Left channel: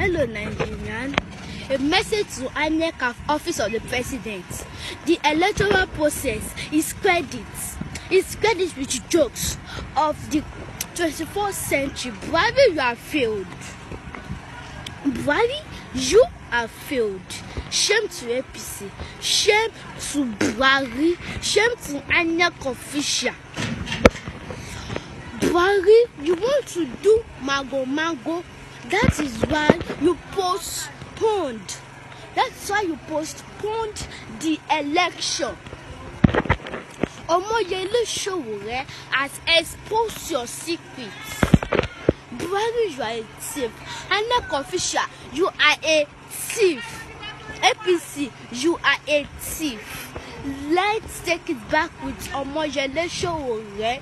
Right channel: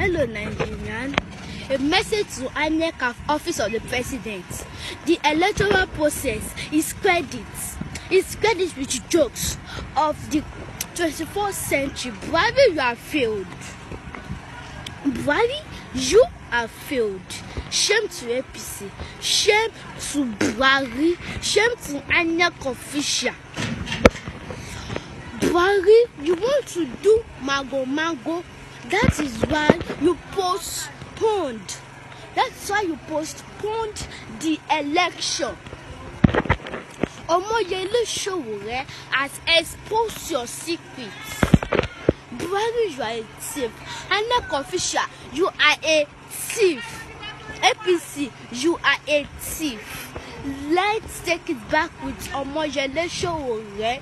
Hello, Nigerian. A message to INEC Office of the President. The electoral process is credited with jokes of the 21st century. Buhari, you have failed. Buhari, you have failed. Shame to APC. Shame to Buhari. Shame to INEC official. Buhari, you want to do mago. That is why you postponed. That's why you postponed the election. Omoyele Sowore has exposed your secrets. Buhari, you are a thief. INEC official, you are a thief. APC, you are a thief. Let's take it back with Omoyele Sowore.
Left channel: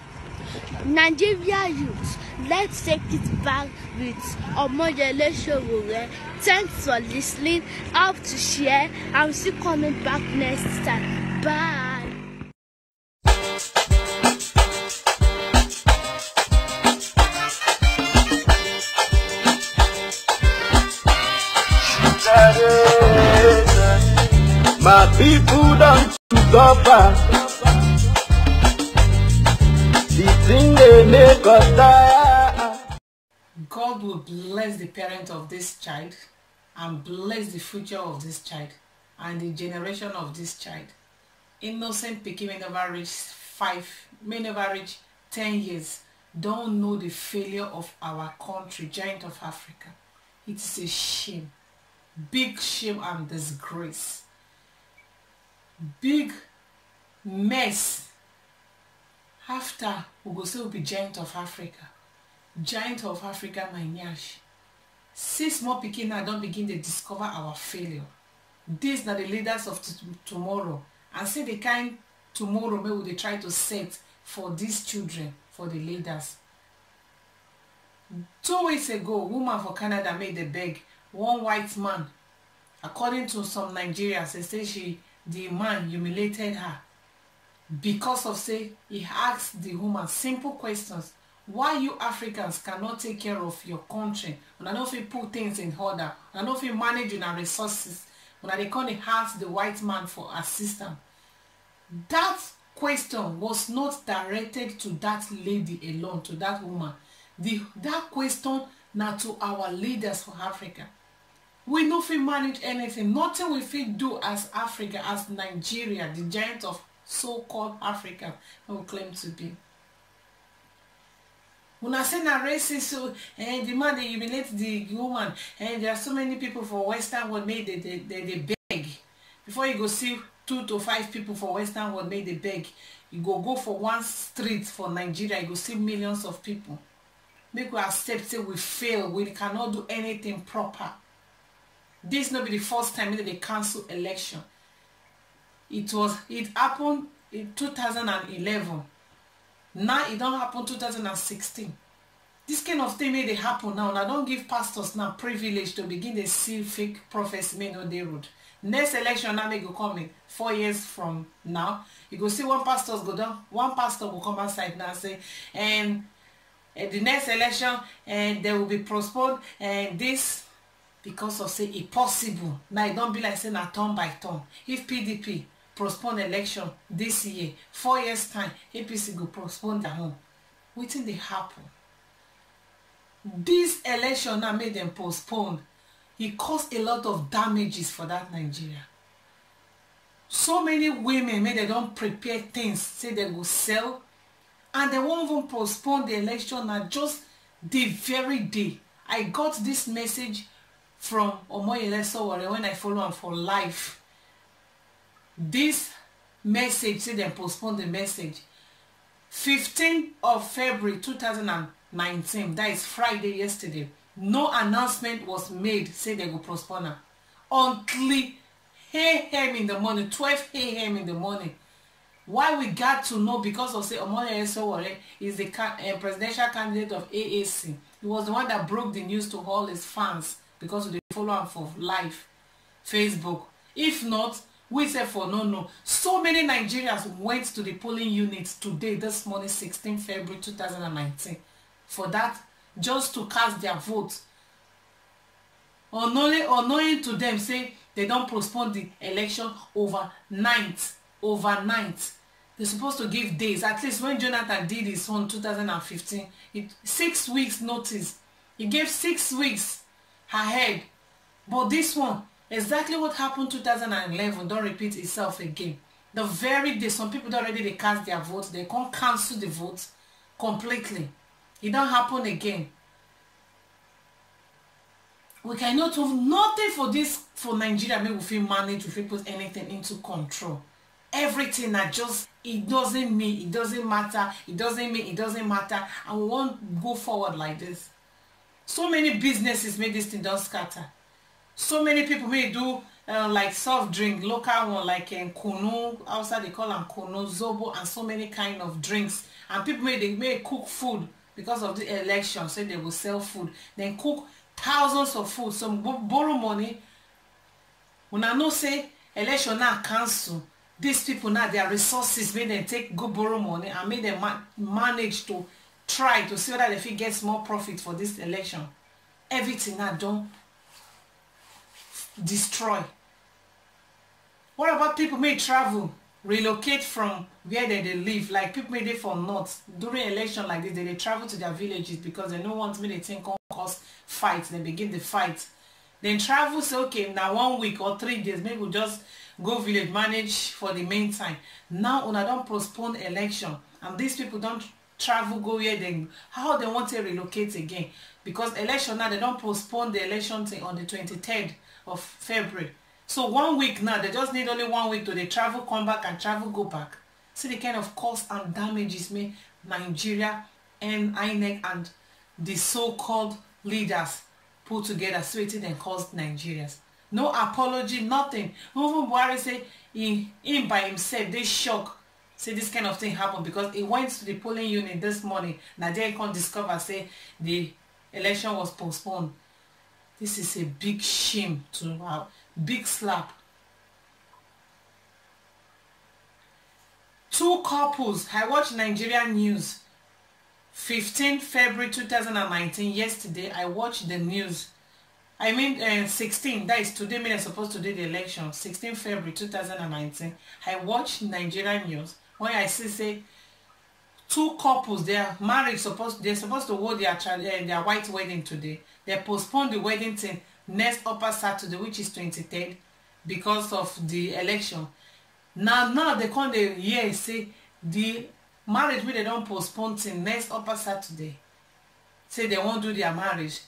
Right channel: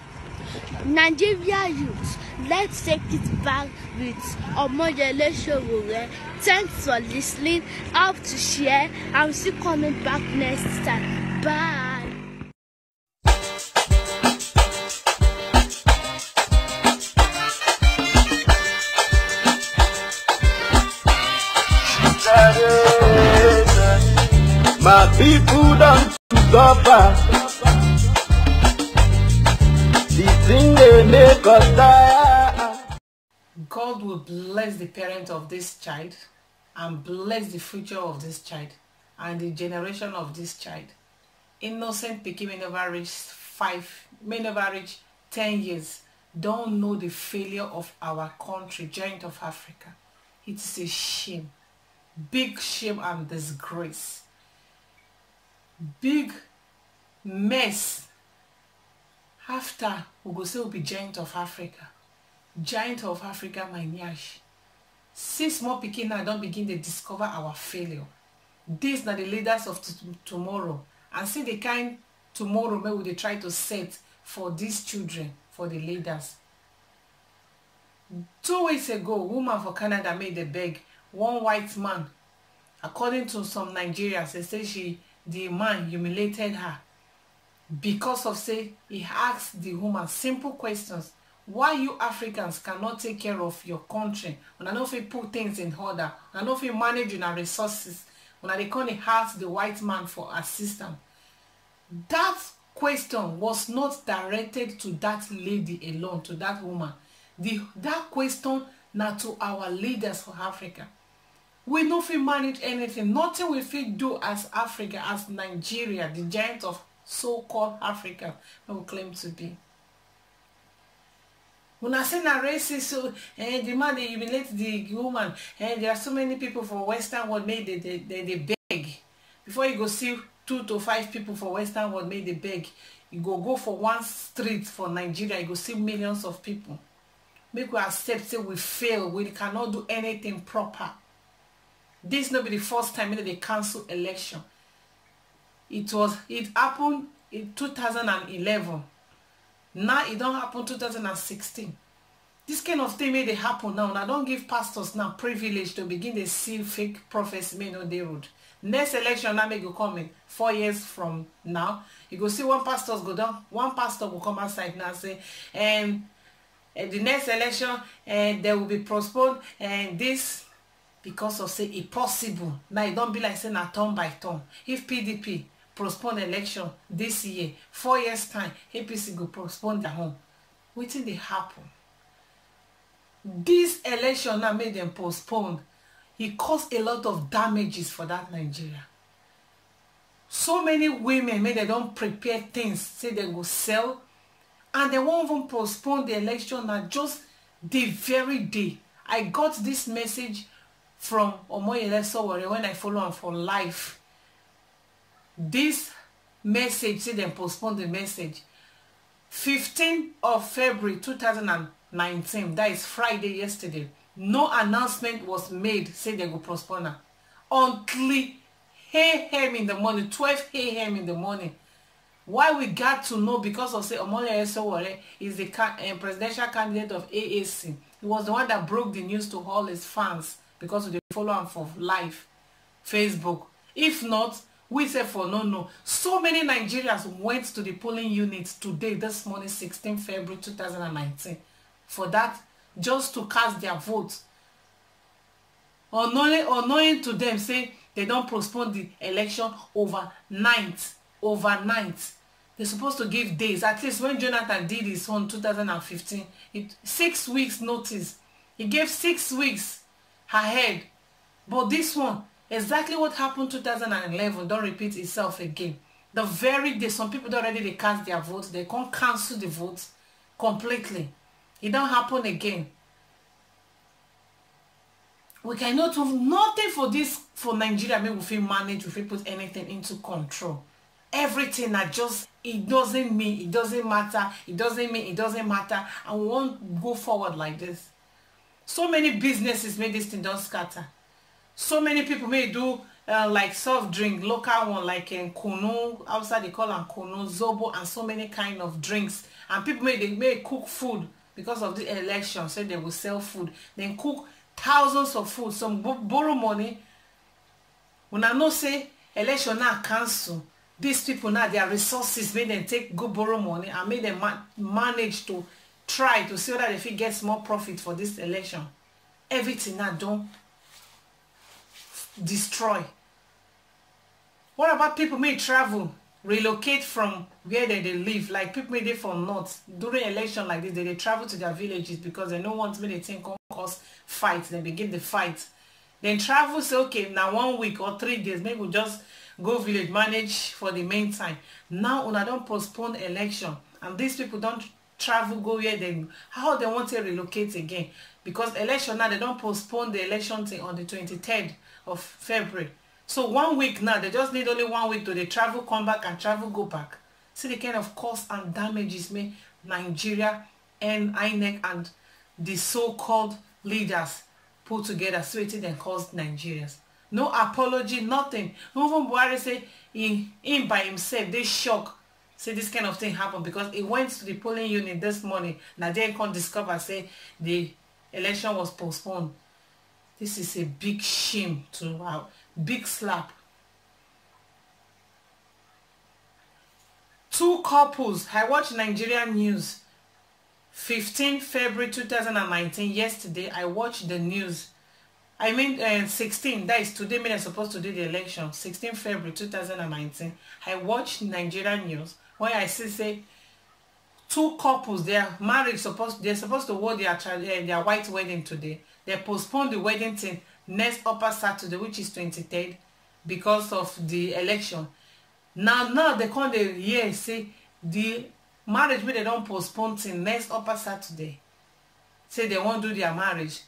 Nigeria youth, let's take it back with Omoyele Sowore. Thanks for listening. Up to share. I'm still coming back next time. Bye. My people don't suffer. The thing they make us die. God will bless the parent of this child and bless the future of this child and the generation of this child. Innocent pikin may never reach 10 years. Don't know the failure of our country, giant of Africa. It is a shame. Big shame and disgrace. Big mess. After we go say we be giant of Africa. Giant of Africa, my nyash. 6 more pikin now don't begin to discover our failure. These are the leaders of tomorrow. And see the kind tomorrow maybe they try to set for these children, for the leaders. 2 weeks ago, a woman for Canada made a beg. One white man, according to some Nigerians, they say the man humiliated her because of say he asked the woman simple questions. Why you Africans cannot take care of your country? When I know if you put things in order, when I know if you manage your resources, when they can't ask the white man for assistance. That question was not directed to that lady alone, to that woman. That question now to our leaders for Africa. We know if we manage anything, nothing we fit do as Africa, as Nigeria, the giant of so-called Africa, we will claim to be. When I say na racist, so the man they humiliate the woman, and there are so many people for Western world made they beg. Before you go see 2 to 5 people for Western world made they beg, you go for one street for Nigeria, you go see millions of people. Make we accept say we fail, we cannot do anything proper. This not be the first time that they cancel election. It happened in 2011. Now it don't happen 2016. This kind of thing may they happen now. Now don't give pastors now privilege to begin to see fake prophecy may not they road. Next election now may go coming 4 years from now. You go see one pastors go down, one pastor will come outside now and say, and the next election and there will be postponed and this because of say it possible. Now it don't be like saying a turn by turn. If PDP postpone election this year, 4 years time, APC go postpone their home. Wetin dey happen? This election now made them postpone. It caused a lot of damages for that Nigeria. So many women they don't prepare things, say they go sell, and they won't even postpone the election now just the very day. I got this message from Omoyele Sowore when I follow him for life. This message say they postpone the message 15th of February 2019. That is Friday yesterday. No announcement was made say they go postpone her until 8 a.m. in the morning, 12 a.m. in the morning. Why we got to know? Because of say Omoyele Sowore is the presidential candidate of AAC. He was the one that broke the news to all his fans because they follow him for live Facebook. If not, we say for no. So many Nigerians went to the polling units today, this morning, 16 February 2019, for that, just to cast their vote. unknowing to them say they don't postpone the election overnight. They're supposed to give days. At least when Jonathan did his own 2015, 6 weeks notice. He gave 6 weeks ahead. But this one, exactly what happened 2011 don't repeat itself again. The very day, some people already they cast their votes, they can't cancel the votes completely. It don't happen again. We cannot do nothing for this, for Nigeria. Maybe we feel manage, we feel put anything into control. Everything that just, it doesn't mean, it doesn't matter, it doesn't mean, it doesn't matter, and we won't go forward like this. So many businesses made this thing don't scatter. So many people may do like soft drink, local one like kunu, outside they call them kunu, zobo, and so many kind of drinks. And people may cook food because of the election, say they will sell food, then cook thousands of food, some borrow money. When I know say election now cancel, these people now their resources make them take go borrow money and make them manage to try to see whether they fit get more profit for this election. Everything now don't destroy. What about people may travel, relocate from where they live? Like people may live from north during election like this, they travel to their villages because they don't want me they think cause fight. Then begin the fight. Then travel say okay now 1 week or 3 days, maybe we'll just go village manage for the meantime. Now when I don't postpone election and these people don't travel go where they, how they want to relocate again, because election now they don't postpone the election thing on the 23rd of February. So 1 week now, they just need only 1 week to they travel, come back and travel, go back. See the kind of cost and damages may Nigeria and INEC and the so-called leaders put together, so it then caused Nigerians. No apology, nothing. Even Buhari say him by himself, they shock. Say this kind of thing happened because he went to the polling unit this morning. Now they can't discover say the election was postponed. This is a big shame to our big slap. 2 couples. I watched Nigerian news. 15 February 2019. Yesterday, I watched the news. I mean, 16. That is today. When I'm supposed to do the election. 16 February 2019. I watched Nigerian news. When I see say 2 couples, their marriage they're supposed to hold their white wedding today. They postponed the wedding thing next upper Saturday, which is 23rd, because of the election. Now they come the year say the marriage wey they don't postpone till next upper Saturday. Say they won't do their marriage.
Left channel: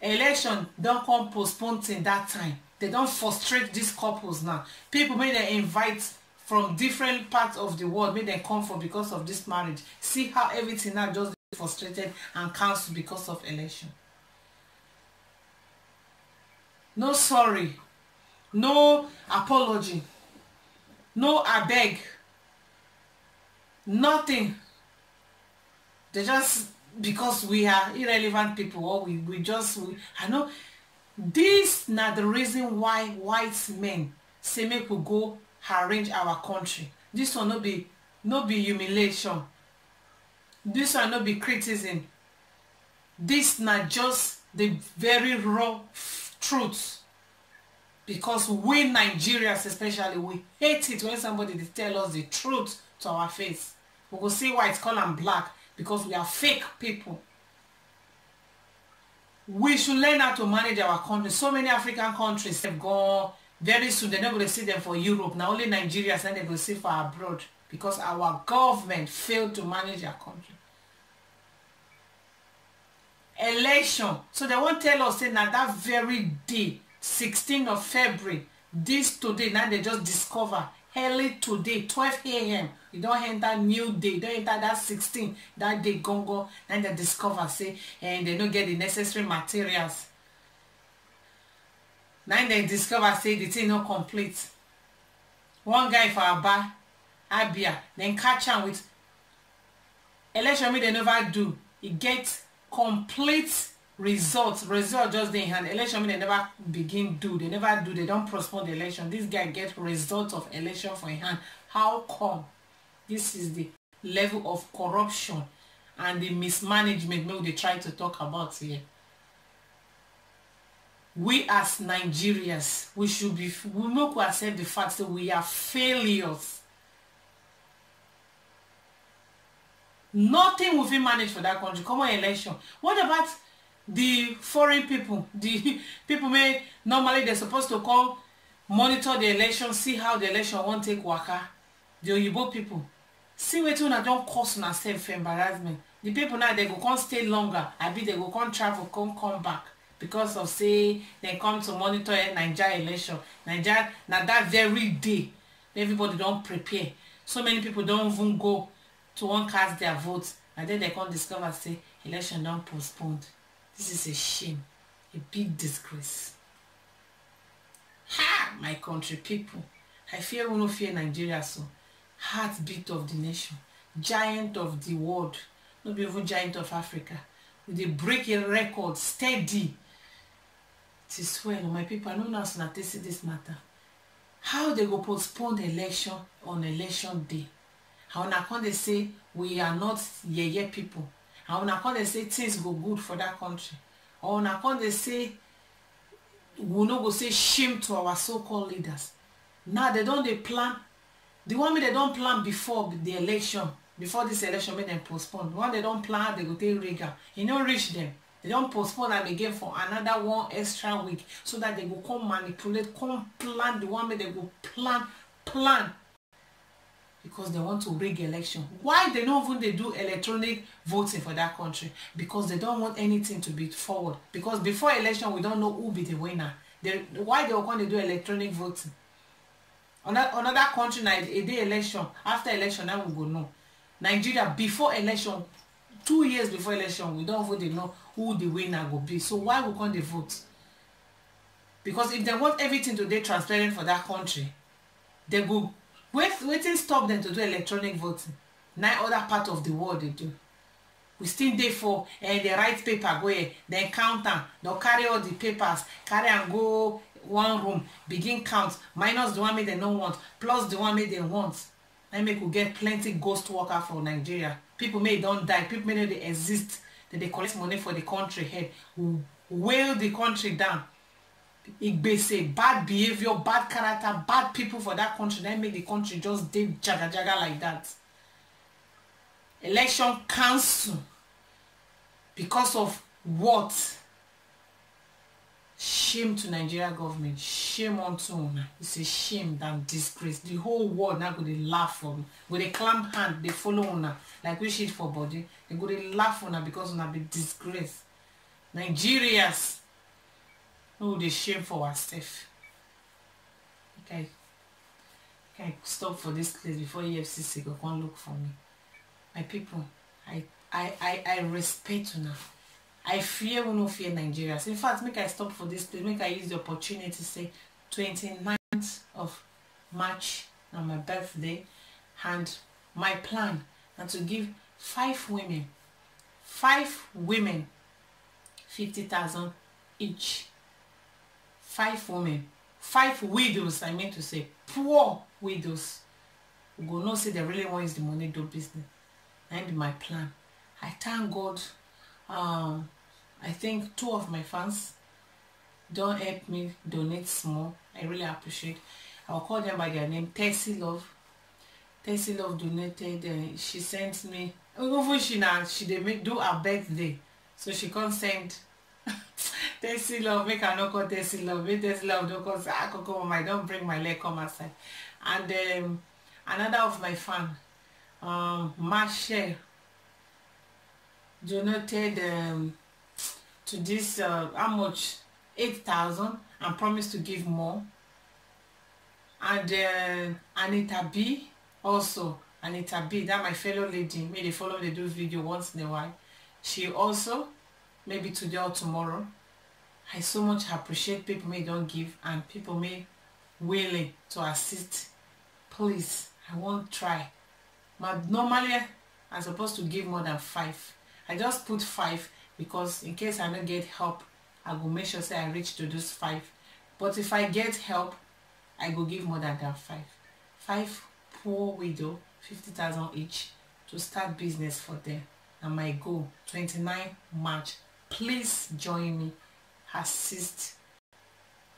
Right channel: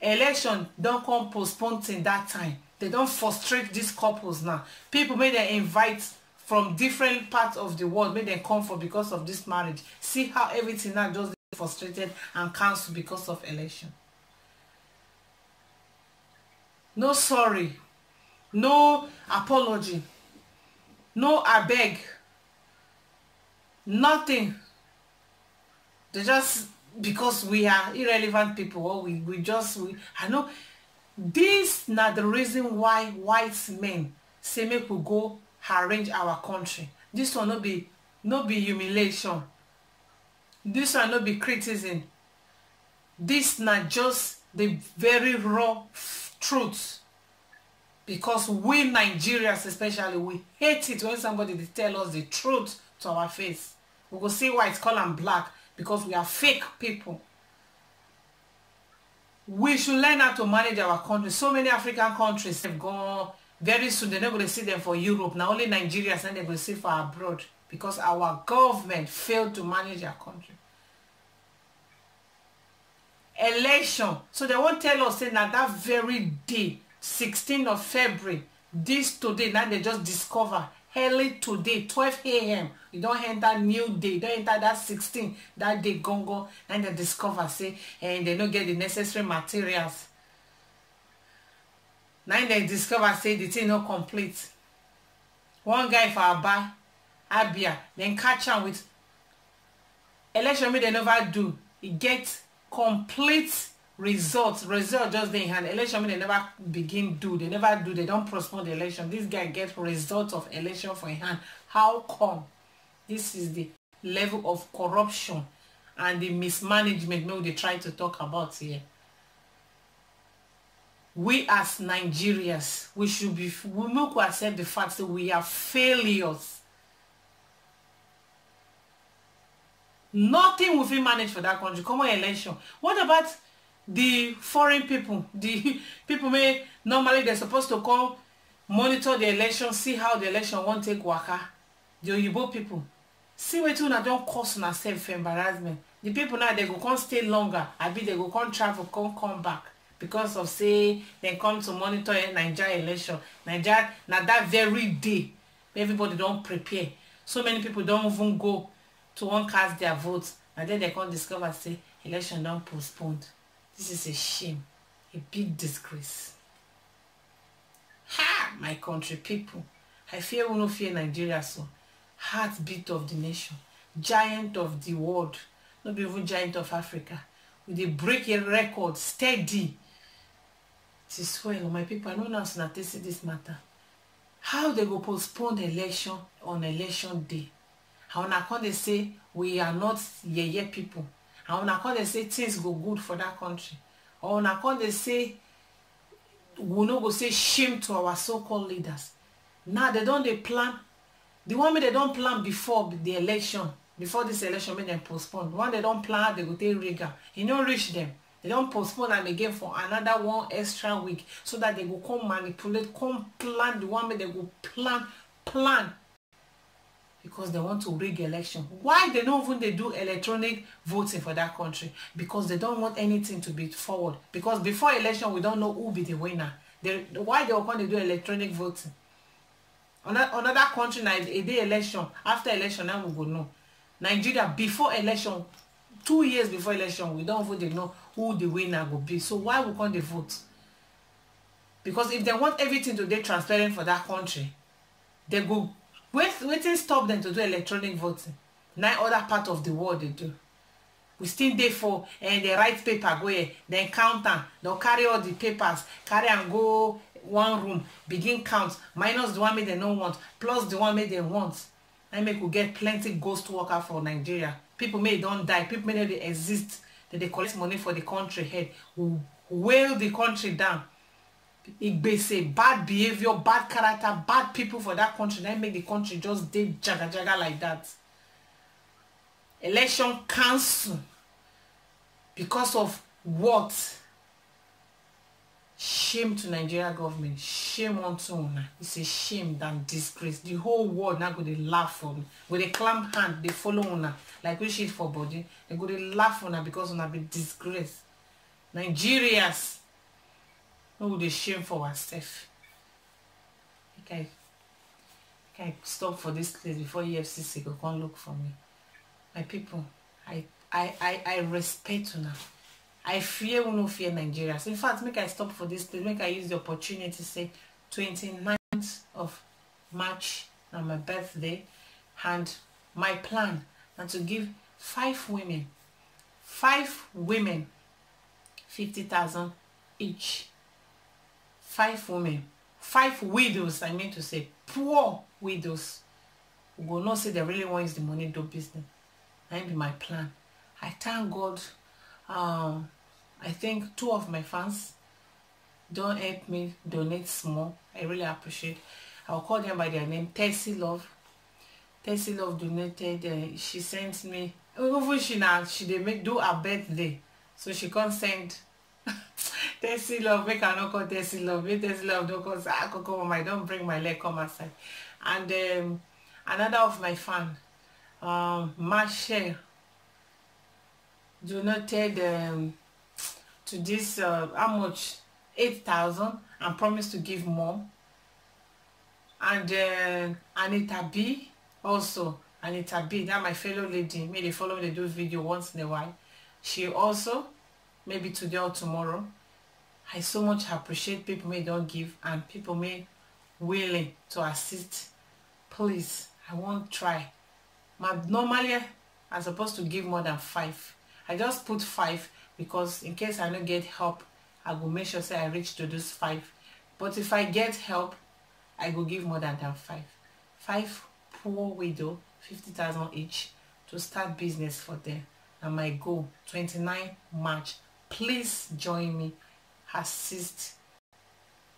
Election don't come postpone till that time. They don't frustrate these couples now. People may they invite from different parts of the world, may they come for because of this marriage. See how everything now just frustrated and cancelled because of election. No sorry, no apology, no I beg, nothing. They just, because we are irrelevant people, or I know this not the reason why white men say make we go arrange our country. This will not be humiliation. This will not be criticism. This not just the very raw truth, because we Nigerians especially, we hate it when somebody they tell us the truth to our face. We will see why it's called them black, because we are fake people. We should learn how to manage our country. So many African countries have gone very soon. They're not going to see them for Europe. Now only Nigerians and they're going to see for abroad, because our government failed to manage our country. Election. So they won't tell us say now that very day, 16th of February, this today, now they just discover early today, 12 a.m. You don't enter new day, you don't enter that 16, that day gongo, and they discover say, and they don't get the necessary materials. Now they discover say the thing not complete. One guy for Abia, then catch him with election they never do. It gets complete results just in hand. Election they never begin do, they never do, they don't postpone the election. This guy get results of election for in hand. How come? This is the level of corruption and the mismanagement maybe they try to talk about here. we as Nigerians, we not accept the fact that we are failures. Nothing will be managed for that country. Come on, election. What about the foreign people? The people normally they're supposed to come monitor the election, see how the election won't take waka. The Oyibo people. See what you don't cause on self-embarrassment. The people now they go can't stay longer. I be they go can't travel, can't come back. Because of say they come to monitor a Nigeria election. Nigeria now that very day everybody don't prepare. So many people don't even go to one cast their votes, and then they can't discover say election don't postponed. This is a shame, a big disgrace. Ha, my country people. I fear we no fear Nigeria so. Heartbeat of the nation, giant of the world, not even giant of Africa. We dey break a record steady. This well, my people, I don't know how to see this matter. How they go postpone the election on election day? How na come they say we are not yeye people? How na come they say things go good for that country? Or na come they say we no go say shame to our so-called leaders? Now they don't plan. The one they don't plan before the election, before this election, make them postpone. The one they don't plan, they go take rigor. It don't reach them. They don't postpone them again for another one extra week, so that they go come manipulate, come plan the one they go plan. Because they want to rig election. Why they don't even they do electronic voting for that country? Because they don't want anything to be forward. Because before election, we don't know who be the winner. Why they want to do electronic voting? Another country now, a day election, after election, now we go know. Nigeria, before election, 2 years before election, we don't even know who the winner will be. So why we can't they vote? Because if they want everything to be transparent for that country, they go waiting stop them to do electronic voting. Now other part of the world they do. We still there for they write paper go here, then count them, they'll carry all the papers, carry and go one room, begin count, minus the one they don't want, plus the one they want. I make we get plenty ghost worker for Nigeria. People may don't die, people may they exist, that they collect money for the country head, whale the country down. It say bad behavior, bad character, bad people for that country. That make the country just dead jaga like that. Election cancel because of what? Shame to Nigeria government. Shame unto una. It's a shame than disgrace. The whole world now go they laugh for me. Go they clamp hand, they follow una like we shit for body. They go they laugh una because una be disgrace. Nigerians. Oh, they shame for ourselves. Okay. Can I stop for this place before EFCC go come look for me? My people, I respect you now. I fear we no fear Nigerians. In fact, make I stop for this place. Make I use the opportunity to say 29th of March, now my birthday, and my plan and to give 5 women 50,000 each. 5 women, 5 widows, I mean to say, poor widows, who go not say they really want use the money do business. That be my plan. I thank God. I think 2 of my fans don't help me donate small. I really appreciate. I'll call them by their name. Tessie Love. Tessie Love donated. She sent me. Even she they do her birthday, so she can't send. Tessie Love, make I not call Tessie Love. Make Tessie Love don't cause I don't bring my leg come outside. And another of my fan, Marshall, donated to this how much? 8,000 and promised to give more. And Anita B also. Anita B, that my fellow lady, may they follow me, they do video once in a while. She also, maybe today or tomorrow. I so much appreciate people may don't give and people may willing to assist. Please, I won't try. Normally, I'm supposed to give more than 5. I just put 5 because in case I don't get help, I will make sure say I reach to those 5. But if I get help, I will give more than 5. 5 poor widow, 50,000 each to start business for them. And my goal, 29 March. Please join me. Assist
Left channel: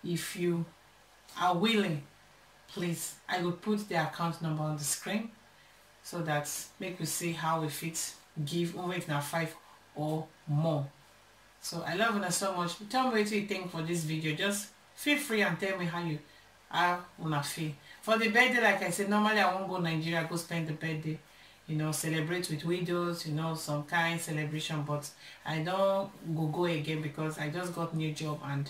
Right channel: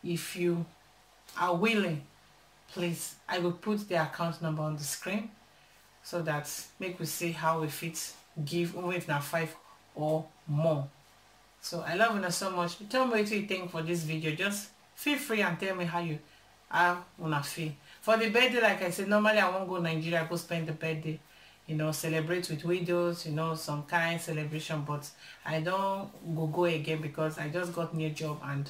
if you are willing, please, I will put the account number on the screen so that make we see how we fit give, even if not 5 or more. So I love you so much. Tell me what you think for this video. Just feel free and tell me how you wanna feel. For the birthday, like I said, normally I won't go Nigeria, go spend the birthday, you know, celebrate with widows, you know, some kind of celebration, but I don't go again because I just got new job and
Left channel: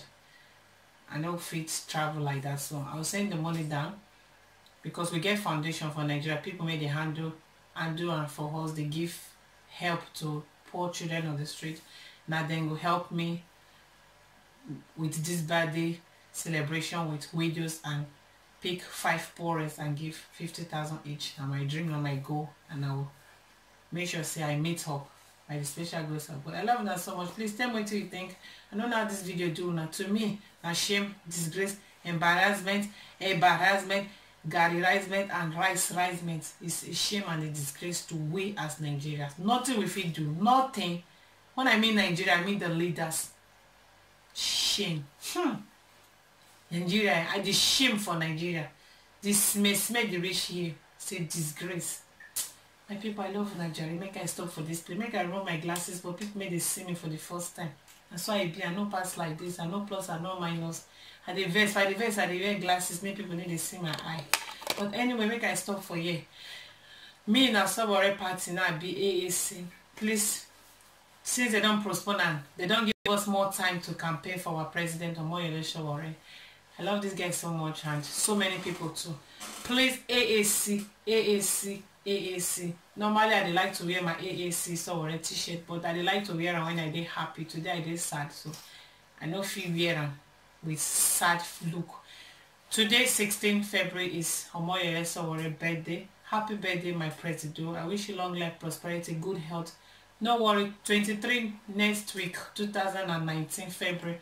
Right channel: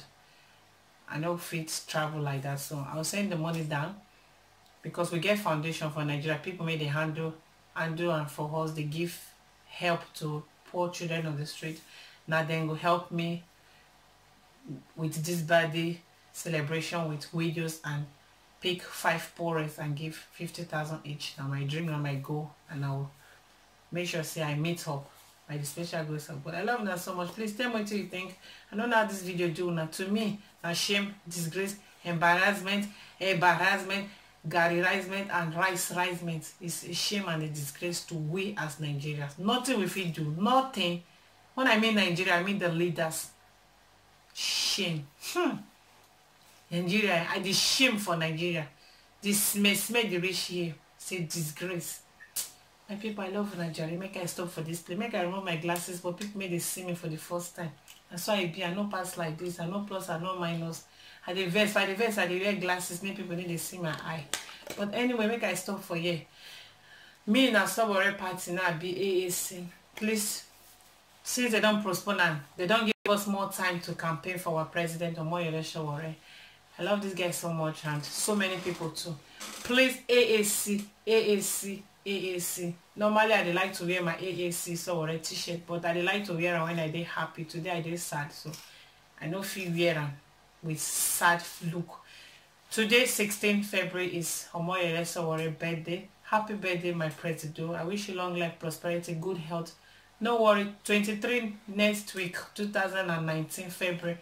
I don't fit travel like that. So I'll send the money down because we get foundation for Nigeria. People may they handle and for us they give help to poor children on the street. Now then go help me with this birthday celebration with widows and pick 5 poorest and give 50,000 each. Now my dream and my goal, and I'll make sure say I meet up by the special grace of God. I love that so much. Please tell me what you think. I don't know how this video do now. To me, now shame, disgrace, embarrassment, garrisement, and rice-risement is a shame and a disgrace to we as Nigerians. Nothing we fit do. Nothing. When I mean Nigeria, I mean the leaders. Shame. Nigeria, I did shame for Nigeria. This mess made the rich here. Say disgrace. My people, I love Nigeria. Make I stop for this play. Make I remove my glasses, but people may they see me for the first time. That's why I no pass like this. I no plus, I no minus. I the vest, I wear glasses. Many people need to see my eye. But anyway, make I stop for here. Me and Sabore party now be AAC. Please, since they don't postpone and they don't give us more time to campaign for our president or more election worry. I love this guy so much and so many people too. Please, AAC. Normally I like to wear my AAC so a t-shirt, but I like to wear them when I dey happy. Today I dey sad, so I no feel wear them with sad look. Today, 16 February, is Omoyele Sowore birthday. Happy birthday, my president. I wish you long life, prosperity, good health. No worry, 23 next week, 2019 February,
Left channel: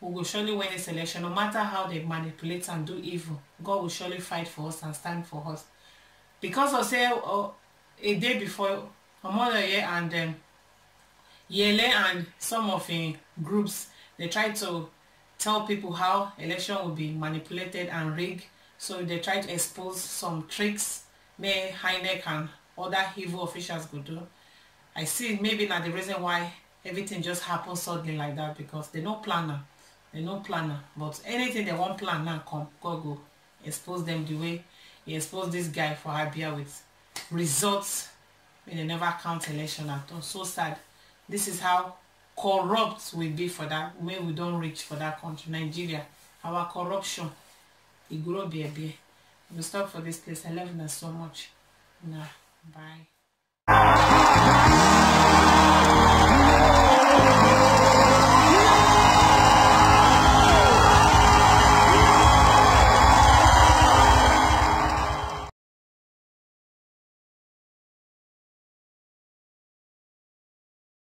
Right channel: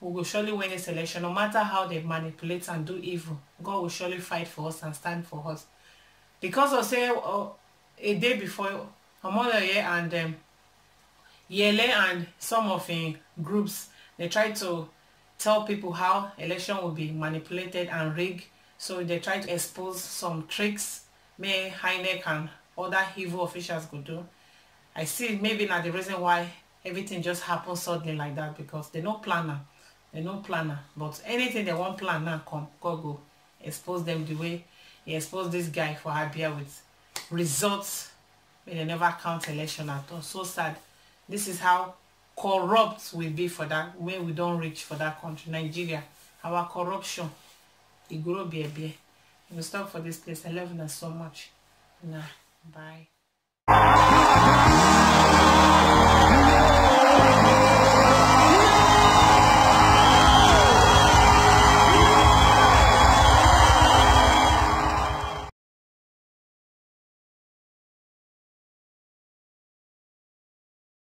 we will surely win this election. No matter how they manipulate and do evil, God will surely fight for us and stand for us. Because of say a day before, Omoyele and Yele and some of the groups, they try to tell people how election will be manipulated and rigged. So they try to expose some tricks may INEC and other evil officials could do. I see maybe not the reason why everything just happens suddenly like that, because they no planner. They no planner. But anything they want plan now come, God go expose them the way he exposed this guy for Abia with results when they never count election at all. So sad. This is how corrupt we be for that when we don't reach for that country, Nigeria. Our corruption, it grow be. We'll stop for this place. I love you so much. Nah, bye.